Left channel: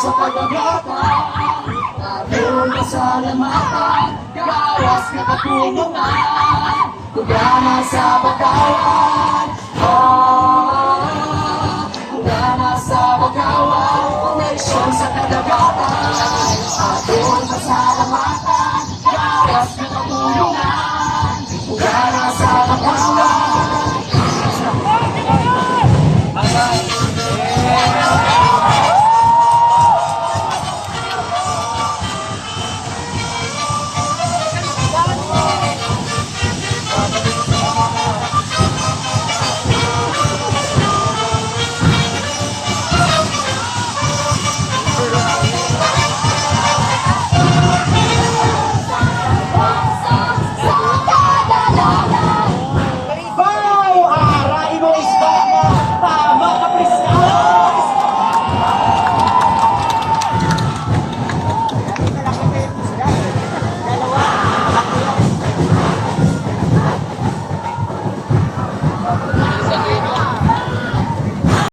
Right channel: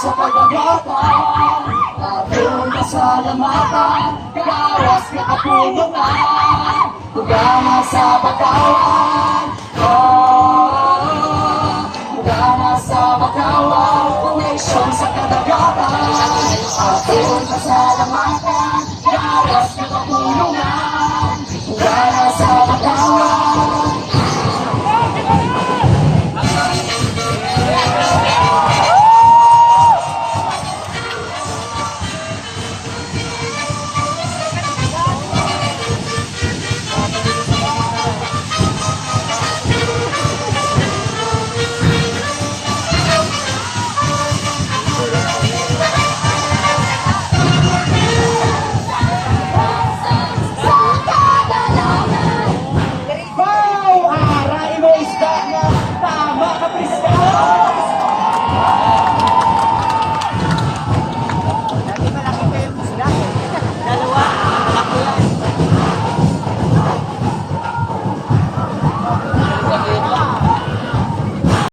sa pagagatan, ating kasalamatan, kawas na kapunungan, hugana sa bakawan, hugana sa bakawan, koneksyon sa kadagatan, ating kasalamatan, kawas na kapunungan, hugana sa bakawan. La la la